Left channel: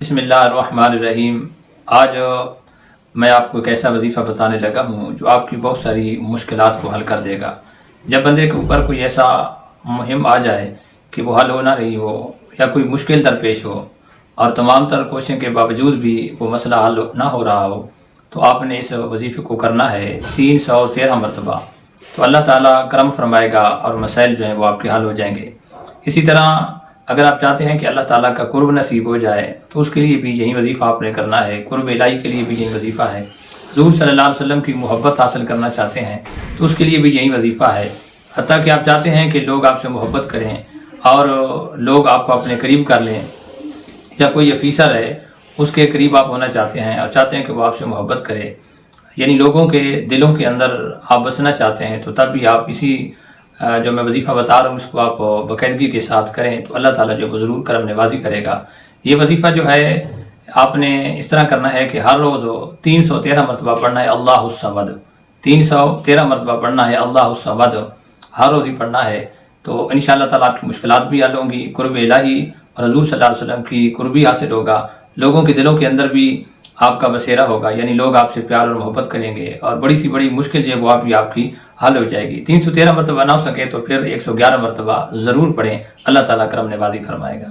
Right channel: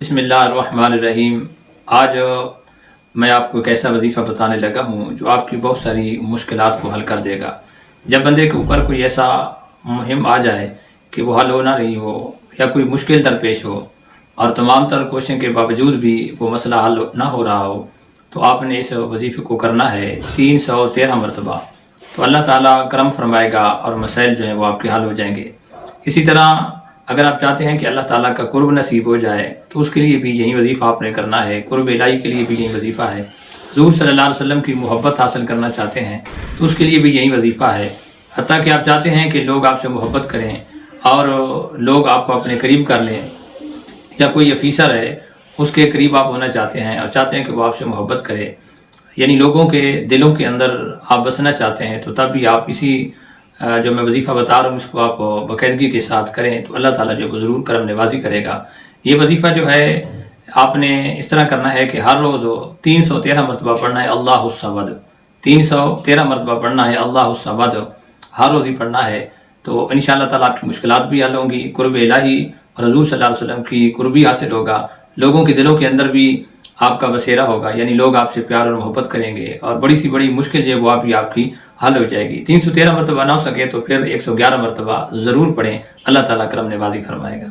بسم اللہ الرحمن الرحیم۔ آج میں آپ کو ایک ایسا وظیفہ بتانے لگا ہوں جو آپ کی بہت ساری مشکلات کو حل کر دے گا۔ جب بندے کے اوپر کوئی ایسا مہم آ جائے کہ وہ حل ہو نہ رہی ہو یا کوئی مشکل درپیش ہو اور تمام تر کوششوں کے باوجود بھی وہ مسئلہ حل نہ ہو رہا ہو، تو آپ نے اس وظیفے کو کرنا ہے 313 مرتبہ۔ تو اللہ تعالیٰ کرم فرمائے گا اور مسائل جو ہیں وہ آپ کے حل ہو جائیں گے۔ اسی طرح اگر آپ چاہتے ہیں کہ اللہ تعالیٰ کا قرب نصیب ہو جائے تو اس کے لیے بھی یہی وظیفہ آپ نے کرنا ہے۔ قرب الہی کے لیے بھی یہی وظیفہ ہے۔ حضور صلی اللہ علیہ وسلم کی محبت حاصل کرنا چاہتے ہیں تو اس کے لیے بھی یہی وظیفہ ہے۔ حتیٰ کہ آپ چاہتے ہیں کہ لوگ آپ سے محبت کریں اور لوگ آپ کو اپنے قریب کر لیں، یا کوئی افیسر ہے اس کے قریب آپ ہونا چاہتے ہیں اور چاہتے ہیں کہ وہ آپ سے محبت کرے، یعنی لوگوں کے دلوں کے اندر آپ بسنا چاہتے ہیں، تو تب بھی آپ اسی جو میں وظیفہ بتا رہا ہوں اس کو آپ باقاعدگی کے ساتھ کریں تو اللہ تعالیٰ جو ہے ضرور کرم نوازی کرے گا۔ یہ وظیفہ جو ہے آپ نے اس طرح کرنا ہے کہ ہر روز 313 مرتبہ پڑھنا ہے اللہ الصمد، 313 مرتبہ پڑھنا ہے اللہ الصمد، ہر روز ہی پڑھنا ہے۔ تو انشاءاللہ تعالیٰ آپ کی مشکلات بھی حل ہوں گی، قرب الہی اور حضور صلی اللہ علیہ وسلم کی قربی حاصل ہوگا، لوگوں کے دلوں کے اندر بھی آپ کا بسیرا ہوگا، یعنی لوگ آپ سے پیار اور محبت کریں گے اور بڑی سی بڑی مشکل جو ہے وہ آپ کی حل ہو جائے گی۔ 313 مرتبہ نہ ہو سکے تو پھر 111 مرتبہ ضرور پڑھیں، اللہ تعالیٰ کرم نوازی فرمائے گا۔